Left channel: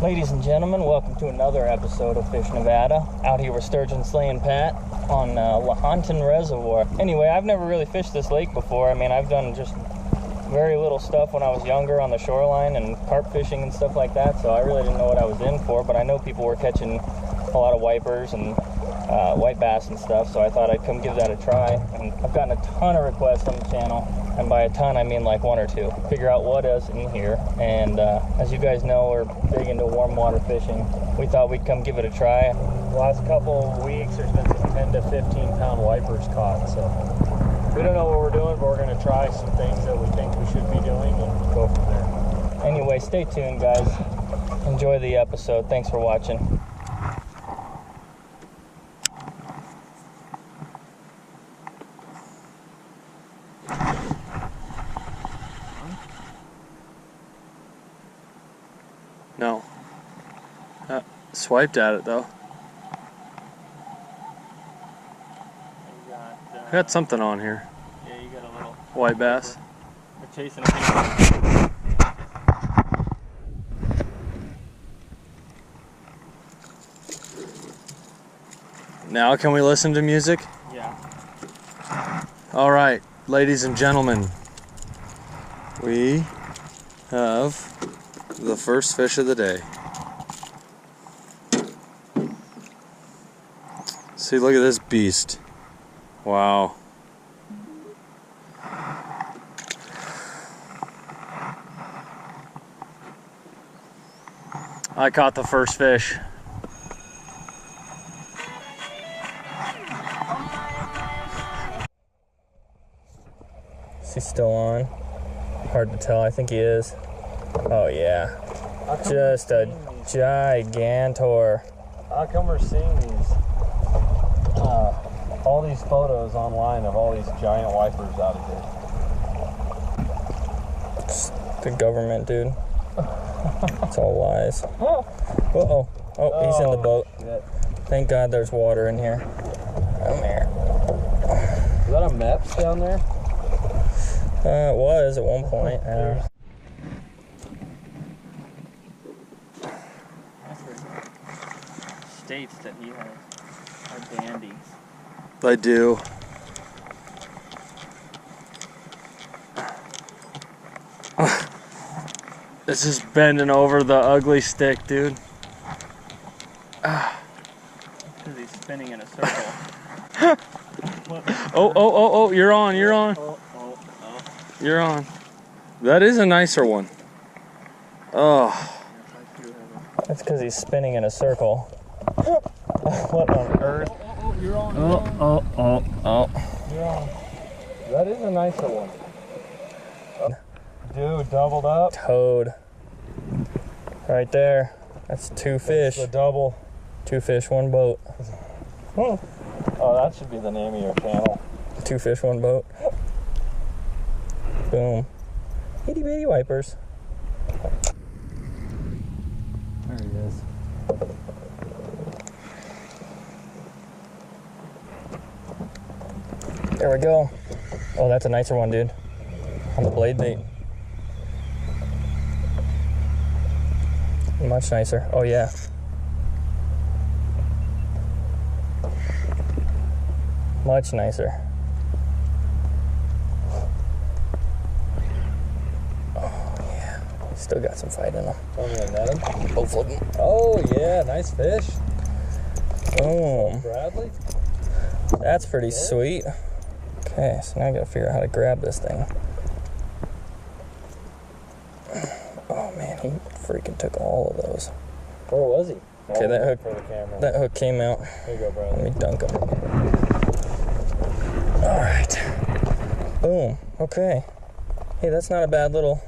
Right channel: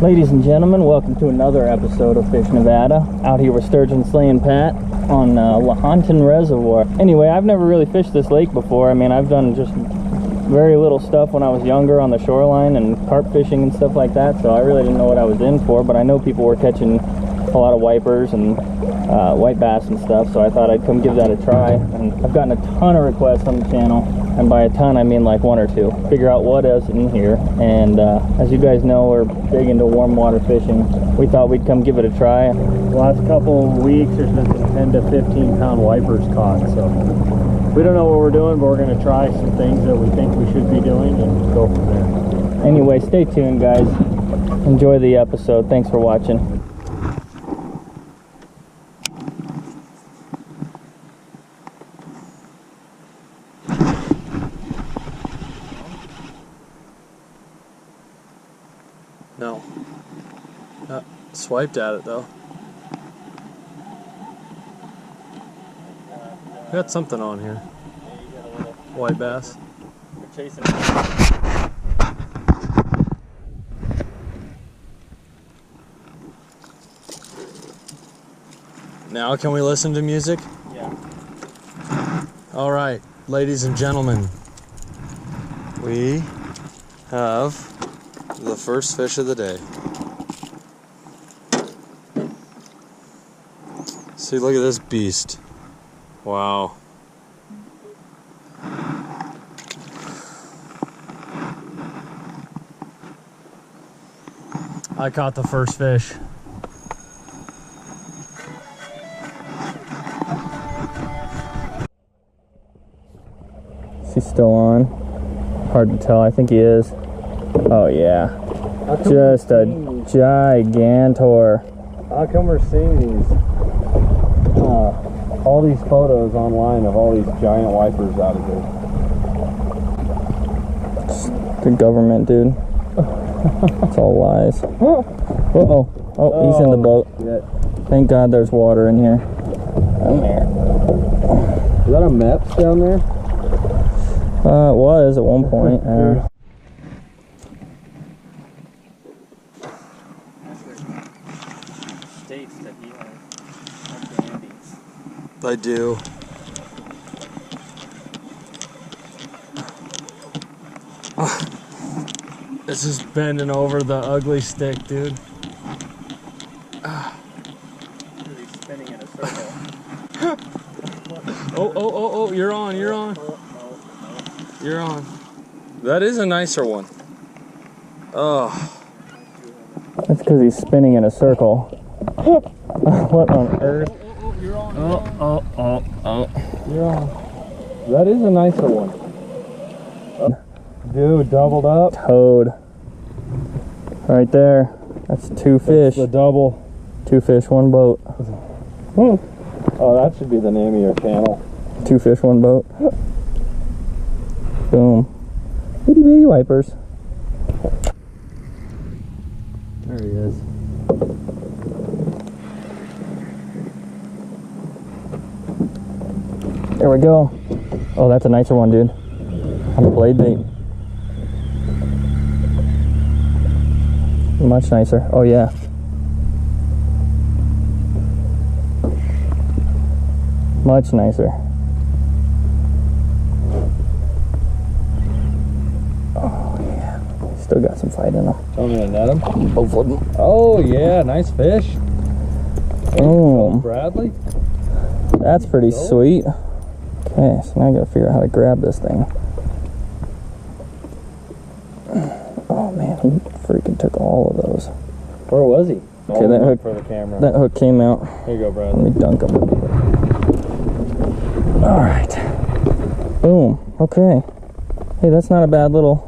Ladies and gentlemen, welcome to another episode of FishNevada. Out here with Sturgeon Slaying Pat on Lahontan Reservoir. Anyway, I've never really fished this lake before. I mean, I've done just very little stuff when I was younger on the shoreline and carp fishing and stuff like that, so I really didn't know what I was in for, but I know people were catching a lot of wipers and white bass and stuff, so I thought I'd come give that a try. And I've gotten a ton of requests on the channel, and by a ton I mean like one or two. Figure out what is in here, and as you guys know, we're big into warm water fishing. We thought we'd come give it a try. The last couple of weeks there's been some 10 to 15 pound wipers caught, so we don't know what we're doing, but we're going to try some things that we think we should be doing and go from there. Anyway, stay tuned, guys. Enjoy the episode. Thanks for watching. No. Swiped at it though. I got something on here. Yeah, you got a little white bass. You're chasing a hand. Now can we listen to music? Yeah. All right, ladies and gentlemen, we have the first fish of the day. See, look at this beast. Wow. I caught the first fish. Is he still on? Hard to tell. I think he is. Oh yeah. Just a gigantor. How come we're seeing these all these photos online of all these giant wipers out of here? It's the government, dude. It's all lies. Uh-oh. Oh, he's in the boat. Shit. Thank God there's water in here. Come here. Is that a Meps down there? It was at one point. Yeah. States that he has a dandy. I do. This is bending over the ugly stick, dude. Because he's spinning in a circle. Oh, you're on, you're on. You're on. That is a nicer one. Oh. That's because he's spinning in a circle. What on earth? You're on. Oh. You're on. That is a nicer one. Dude, doubled up. Toad. Right there. That's two fish. That's the double. Two fish, one boat. Oh, that should be the name of your channel. Two fish, one boat. Boom. Itty bitty wipers. There he is. There we go. Oh, that's a nicer one, dude. On the blade bait. Much nicer. Oh, yeah. Much nicer. Oh, yeah. Still got some fight in them. I'm gonna net him. Both of them. Oh, yeah. Nice fish. Boom. Bradley. That's pretty sweet. Okay, so now I gotta figure out how to grab this thing. Oh man, he freaking took all of those. Where was he? Okay, that hook for the camera. That hook came out. Here you go, Let Bradley. me dunk him. All right. Boom. Okay. Hey, that's not a bad little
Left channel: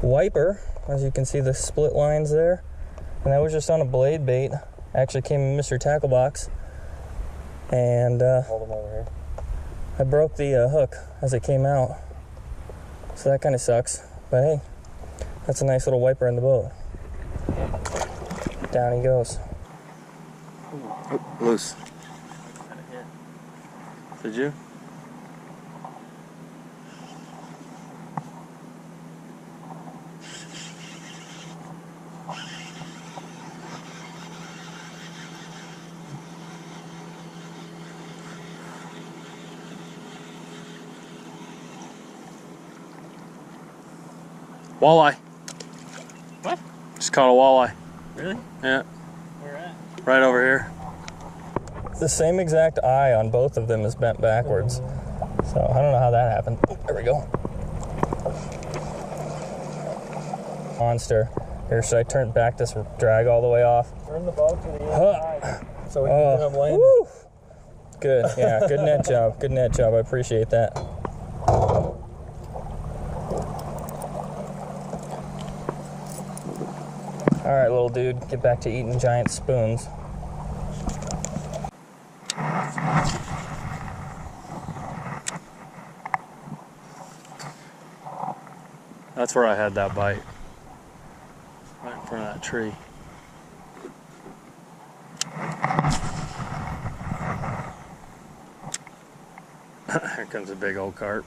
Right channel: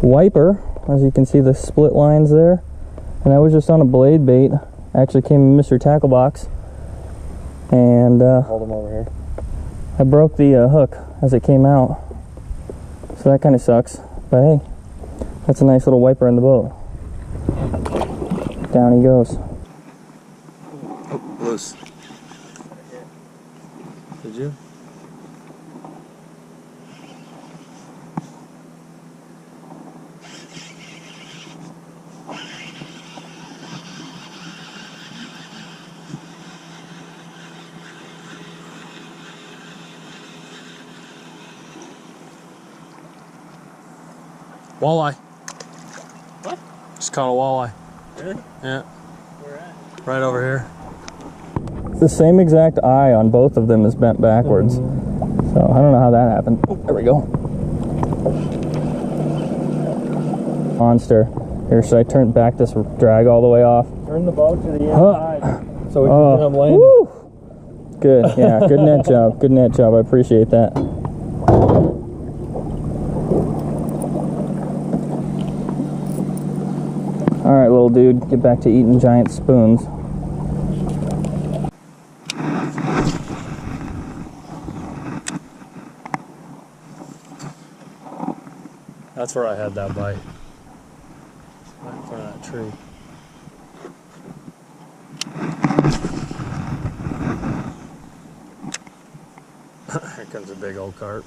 wiper. As you can see, the split lines there. And that was just on a blade bait. Actually came in Mr. Tackle Box. And Hold him over here. I broke the hook as it came out. So that kind of sucks. But hey, that's a nice little wiper in the boat. Down he goes. Oh, loose. Did you? Walleye. What? Just caught a walleye. Really? Yeah. Where at? Right over here. The same exact eye on both of them is bent backwards. So I don't know how that happened. Oh, there we go. Monster. Here, should I turn back this drag all the way off? Turn the boat to the inside so we can Oh, get them landing. woo. Good, yeah, good net job. Good net job, I appreciate that. All right, little dude, get back to eating giant spoons. That's where I had that bite. Right in front of that tree. Here comes a big old carp.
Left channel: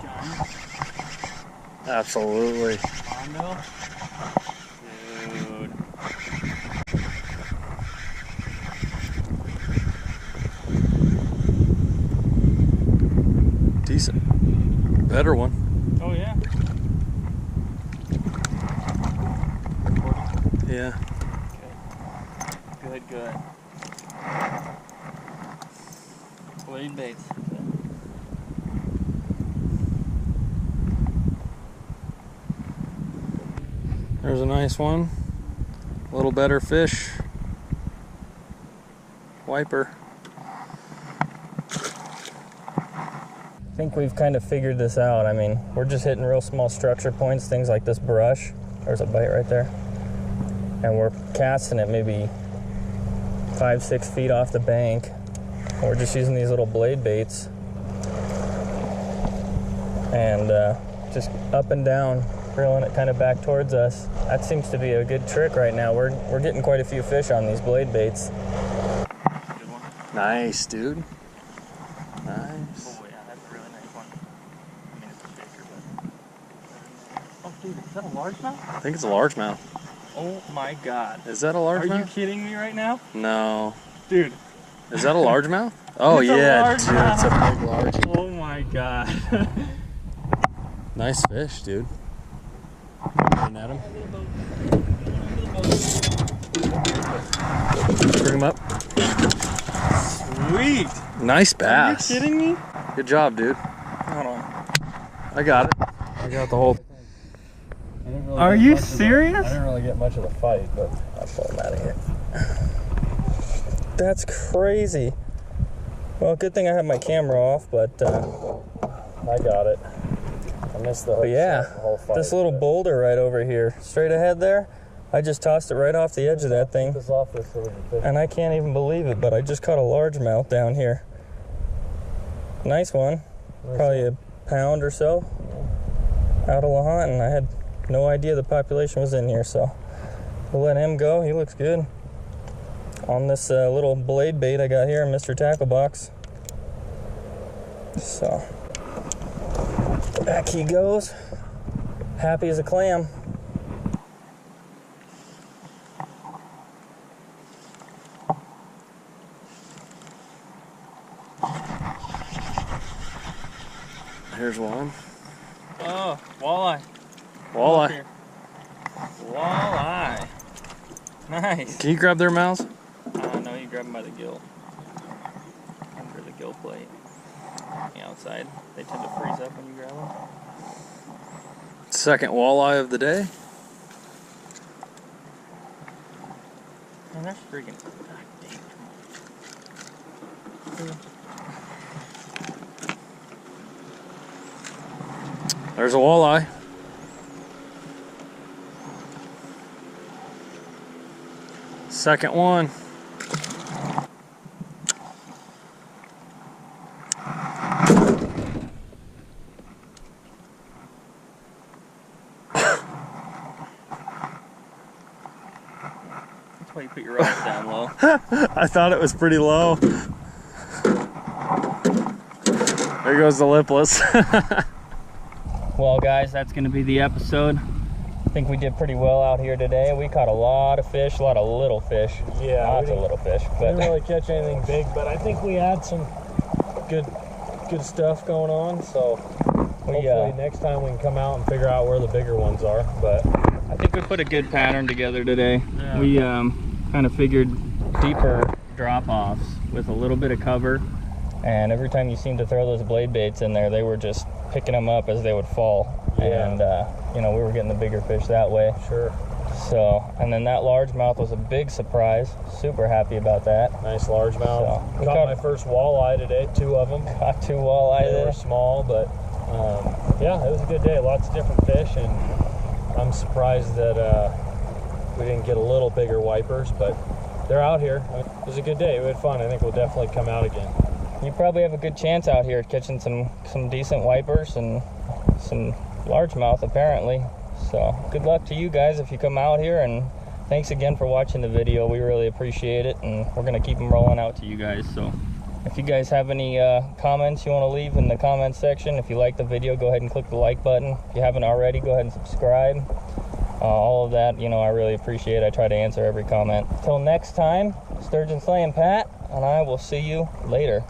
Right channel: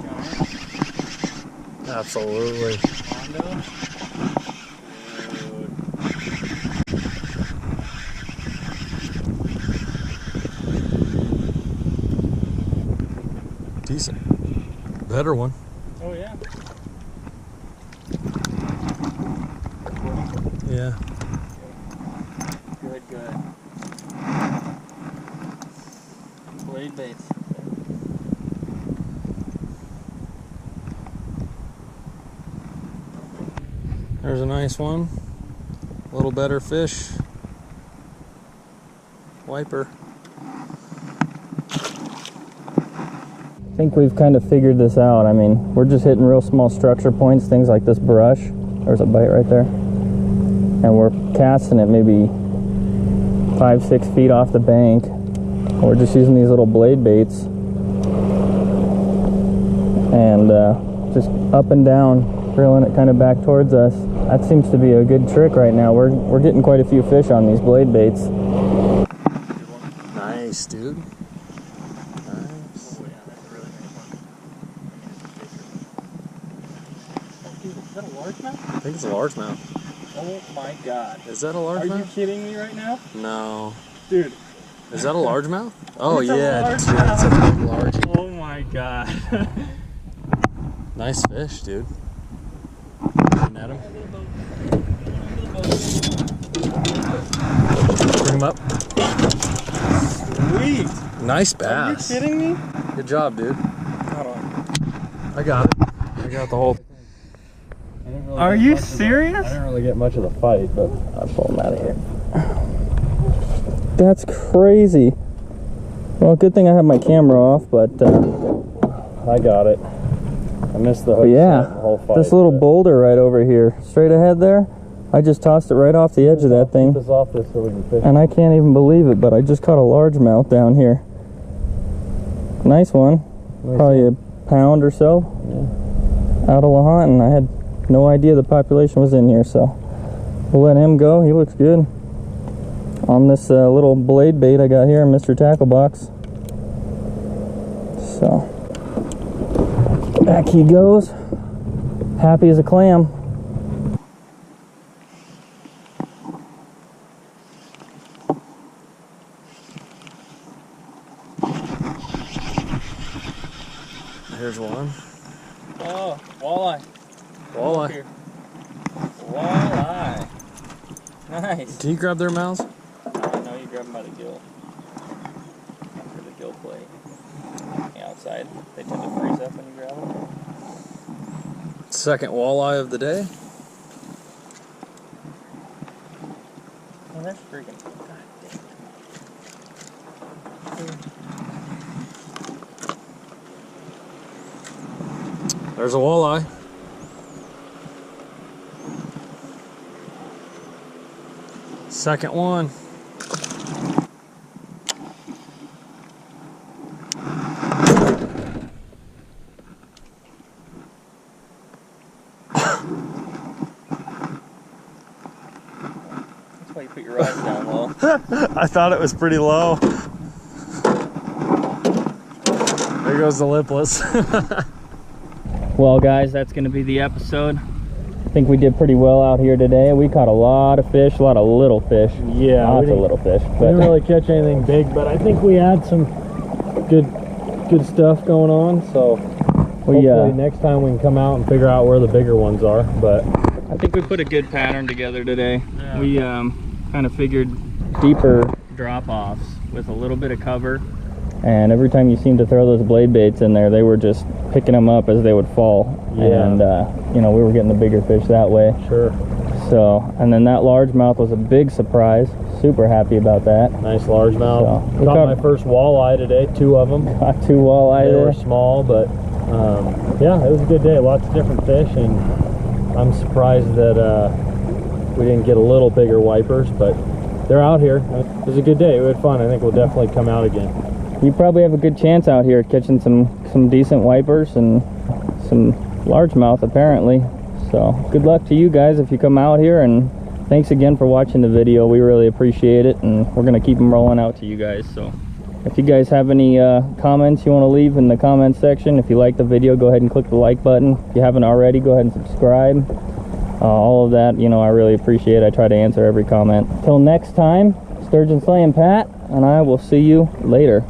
Giant. Absolutely. Mondo. Dude. Decent. Better one. Oh yeah. Recording? Yeah. Good, good. Blade baits. There's a nice one. A little better fish. Wiper. I think we've kind of figured this out. I mean, we're just hitting real small structure points, things like this brush. There's a bite right there. And we're casting it maybe 5-6 feet off the bank. We're just using these little blade baits. And just up and down, reeling it kind of back towards us. That seems to be a good trick right now. We're getting quite a few fish on these blade baits. Good one. Nice, dude. Nice. Oh yeah, that's a really nice one. I mean, it's a bigger one. Oh dude, is that a largemouth? I think it's a largemouth. Oh my god. Is that a Are you largemouth? kidding me right now? No. Dude. Is that a largemouth? Oh It's a yeah, dude, largemouth. it's a big large. Oh my god. Nice fish, dude. Looking at him. Bring him up. Sweet. Nice Are bass. you kidding me? Good job, dude. Hold on. I got it. I got the whole. Are you serious? I didn't really get much of the fight, but I'll pull him out of here. That's crazy. Well, good thing I have my camera off, but I got it. I missed the hook. but yeah, shot the whole fight, this little but boulder right over here, straight ahead there, I just tossed it right off the edge of that keep thing, us off this so we can fish. and I can't even believe it, but I just caught a largemouth down here. Nice one. Nice Probably a pound or so. Out of Lahontan. I had no idea the population was in here, so we'll let him go. He looks good. On this little blade bait I got here in Mr. Tackle Box. So, back he goes. Happy as a clam. Here's one. Oh, walleye. Walleye. Walleye. Nice. Can you grab their mouths? No, you grab them by the gill. Under the gill plate. The outside. They tend to freeze up when you grab them. Second walleye of the day. Oh, they're freaking. God dang, come on. There's a walleye. Second one. That's why you put your rods down low. I thought it was pretty low. There goes the lipless. Well, guys, that's going to be the episode. think we did pretty well out here today. We caught a lot of fish, a lot of little fish. Yeah, lots of little fish. We But didn't really catch anything big, but I think we had some good stuff going on. So hopefully next time we can come out and figure out where the bigger ones are. But I think we put a good pattern together today. Yeah. We kind of figured deeper drop-offs with a little bit of cover, and every time you seemed to throw those blade baits in there, they were just picking them up as they would fall. Yeah. And you know, we were getting the bigger fish that way. sure, So, and then that largemouth was a big surprise. Super happy about that. nice largemouth. So, we caught caught- my first walleye today, 2 of them. Got 2 walleye They there. were small, but yeah, it was a good day. Lots of different fish, and I'm surprised that we didn't get a little bigger wipers, but they're out here. It was a good day. We had fun. I think we'll definitely come out again. You probably have a good chance out here at catching some decent wipers and some largemouth apparently. So good luck to you guys if you come out here, and thanks again for watching the video. We really appreciate it, and we're gonna keep them rolling out to you guys. So if you guys have any comments you want to leave in the comment section, if you like the video, go ahead and click the like button. If you haven't already, go ahead and subscribe. All of that, you know, I really appreciate. I try to answer every comment. Till next time, Sturgeon Slaying Pat, and I will see you later.